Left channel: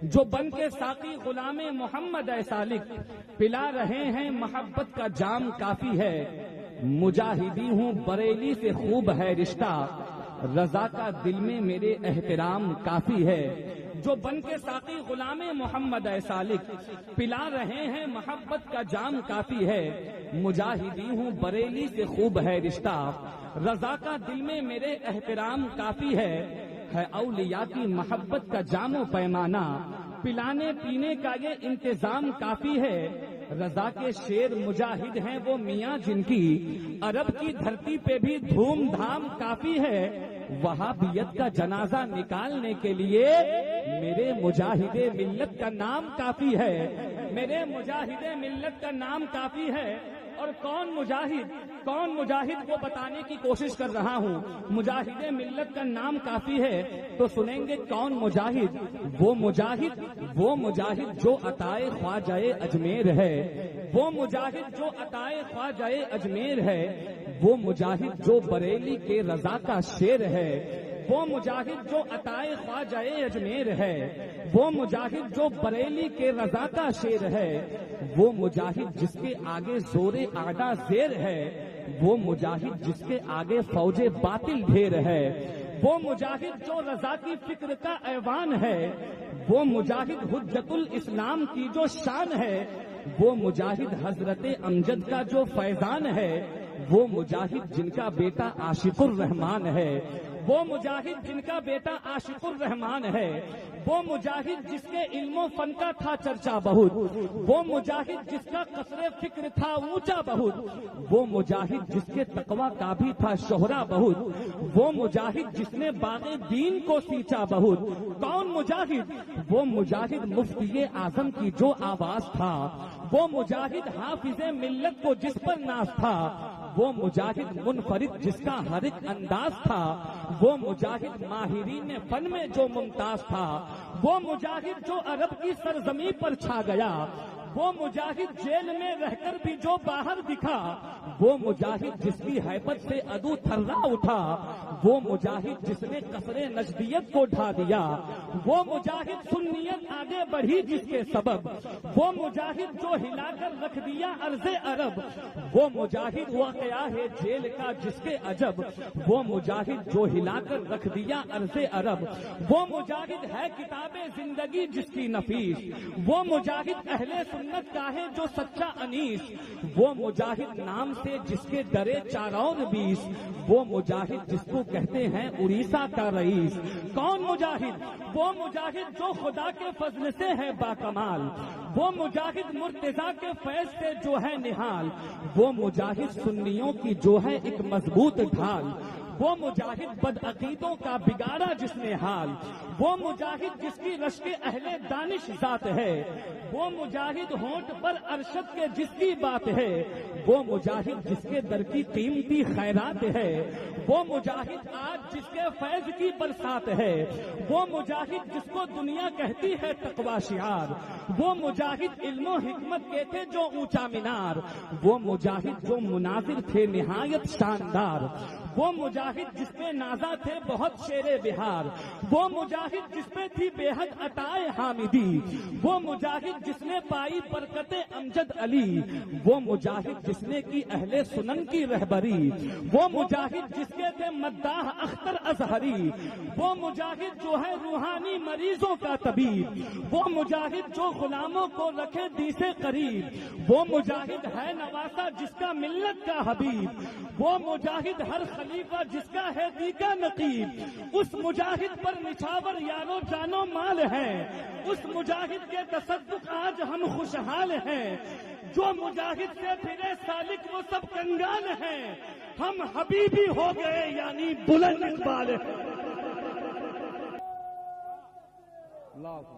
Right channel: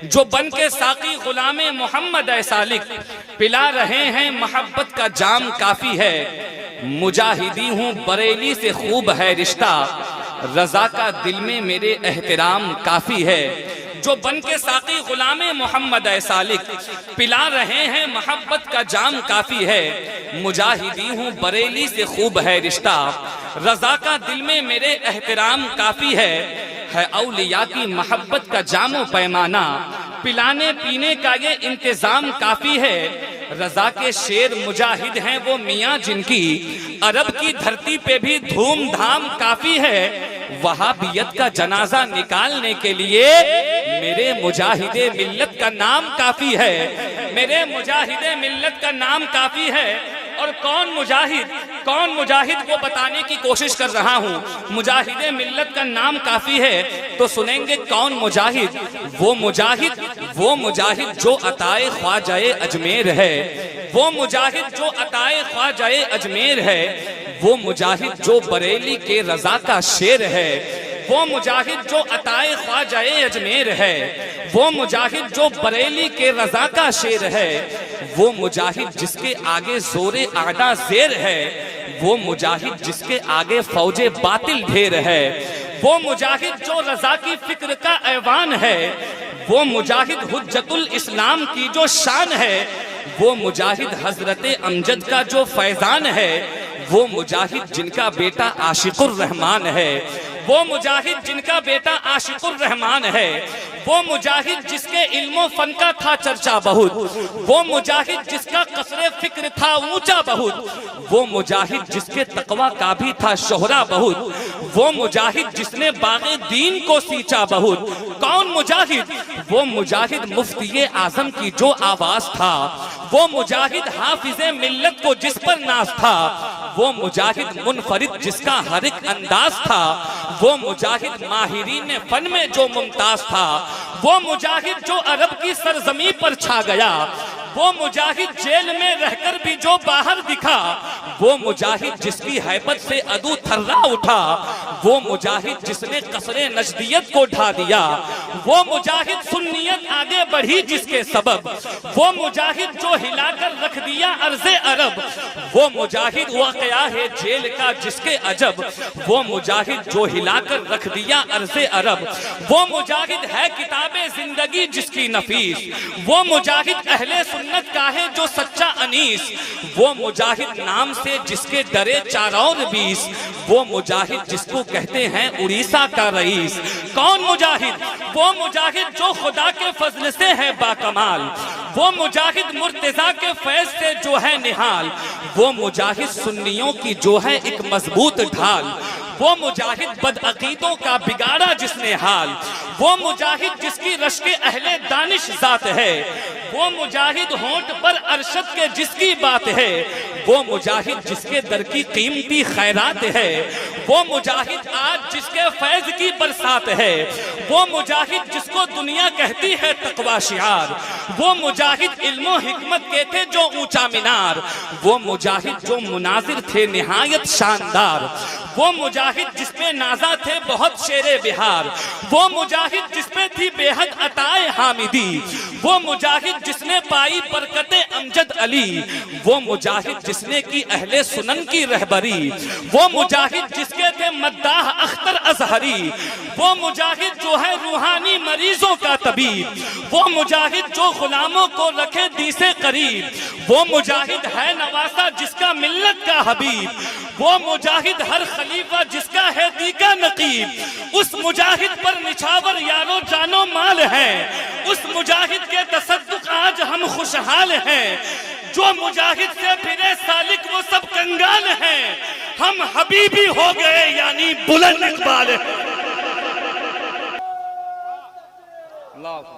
जो बन के साकी गुलामे मोहम्मद सालिक पिला रहे हैं मोहब्बत का जाम काफी है। मुजाहिदी हूँ बरेली से खूब है रिश्ता, रजा का दिल में मेरे एहतराम काफी है। जो बन के साकी गुलामे मोहम्मद सालिक पिला रहे हैं मोहब्बत का जाम काफी है। मुजाहिदी हूँ बरेली से खूब है रिश्ता, रजा का दिल में मेरे एहतराम काफी है औलिया की मोहब्बत का जामो पैमाना, पिलाने पीने का ये इंतजाम काफी है। रजा के शेर मुजाहिद हैं वो मियाँ जिनकी अरब की धरती पे भी धूमधाम काफी है। वहाबियत का जनाजा निकालने के लिए मेरे मुजाहिदे मिल्लत का नाम काफी है। मेरे मुजाहिदे मिल्लत का नाम काफी है। और कौन मुजाहिद को बताने की कोशिश कर रहा हूँ। मुजाहिदे मिल्लत का नाम काफी है तो सुनेंगे कौन मुजाहिद। वो मुजाहिद जो अताए ख्वाजाए अजमेर है। वो मुजाहिद जो अताए ख्वाजाए अजमेर है। वो मुजाहिद जो बरेली के रजा का शेर है। वो मुजाहिद जो अताए ख्वाजाए अजमेर है। वो मुजाहिद जो बरेली के रजा का शेर है। वो मुजाहिद जिसके आगे जोरे आदा जेर है। वो मुजाहिद जिसके आगे फौजे बातिल ढेर है। वो मुजाहिद जो रजा की फिक्र का ऐवान है। वो मुजाहिद हुज्जतुल इस्लाम की जो शान है। वो मुजाहिद हजरते अमजद का जो फैजान है। वो मुजाहिद जिनका बेटा आशिकुर रहमान है। वो मुजाहिद जिनका बेटा आशिकुर रहमान है। वो मुजाहिद जिसके इल्मो फन का था चर्चा बहुत। वो मुजाहिद जिसका कसरे फिक्र था ऊंचा बहुत। वो मुजाहिद जिसके तकवा का भी था शोहरा बहुत। वो मुजाहिद जिसने बागे दीन को सींचा बहुत। कौन मुजाहिद? वो मुजाहिद मुफ्ती आजम की जो आवाज था। वो मुजाहिद हाफिजे मिल्लत को जिस पर नाज था। वो मुजाहिद मुनफरिद जिसका हर एक अंदाज था। वो मुजाहिद माहिरीन फन में जो मुमताज था। वो मुजाहिद जो अरब की सरजमी पर छा गया। वो मुजाहिद जेल में रहकर भी जो बाहर दिखा। वो मुजाहिद जिसकी हैबत से अदू थर्रा उठा। वो मुजाहिद जिसने कसरे नजदियत को ढा दिया। वो मुजाहिद सुन्नियत आगे बढ़ी जिसके सबब। वो मुजाहिद जो हिलाकर रख दिया अर्ज़े अरब। वो मुजाहिद वाक़या है जेल का जिसके अजब। वो मुजाहिद जो हिलाकर रख दिया अर्ज़े अरब। वो मुजाहिद है किताबे जिंदगी जिसकी नफीस। वो मुजाहिद अहले सुन्नत का है जो सच्चा अनीस। वो मुजाहिद नाम से जिसके डरे 4 और 20। वो मुजाहिद जिसको कहते हैं उड़ीसा का रईस। कौन मुजाहिद? वो मुजाहिद जो खुदा के फजल से है बाकमाल। वो मुजाहिद मुर्तजा के फैज से जो है निहाल। वो मुजाहिद सुन्नियों की जो है एक मजबूत ढाल। वो मुजाहिद बदअकीदों का बिगाड़ा जिसने हाल। वो मुजाहिद जिसकी रश्के अहले दानिश जात है। वो मुजाहिद होंठ पर अरशद के जिसकी बात है। वो मुजाहिद जिसके दर की कीमती खैरात है। वो मुजाहिद आज जिसके फैज की बरसात है। वो मुजाहिद जिसको दुनिया कहती है तकवा शियार। वो मुजाहिद इल्मो हिकमत के थे जो ऊंचा मीनार। वो मुजाहिद जो मुनाजिर थे निहायत शानदार। वो मुजाहिद जिसपे नाजा थे बहुत शेरे बिहार। वो मुजाहिद जिसपे थी बेहद अताए हामिदी। वो मुजाहिद जिसने पाई बरकते अमजद अली। वो मुजाहिद जिसने की अहले सुनन की रहबरी। वो मुजाहिद जिसके थे मद्दाह अख्तर अजहरी। वो मुजाहिद जो है रूहानी मरीजों का तबीब। वो मुजाहिद जो गुलामों को रखे दी से करीब। वो मुजाहिद है नवासा जिसका मिल्लत का हबीब। वो मुजाहिद हर खलीफा जिसका है दी का नकीब। उस मुजाहिद पर निछावर यारो जानो माल है। उस मुजाहिद के तसद्दुक आज हम खुशहाल हैं। जो मुजाहिद से फिरे सालिक वो सब कंगाल हैं। हम हबीबी हो गए यानी बुलंद इकबाल है।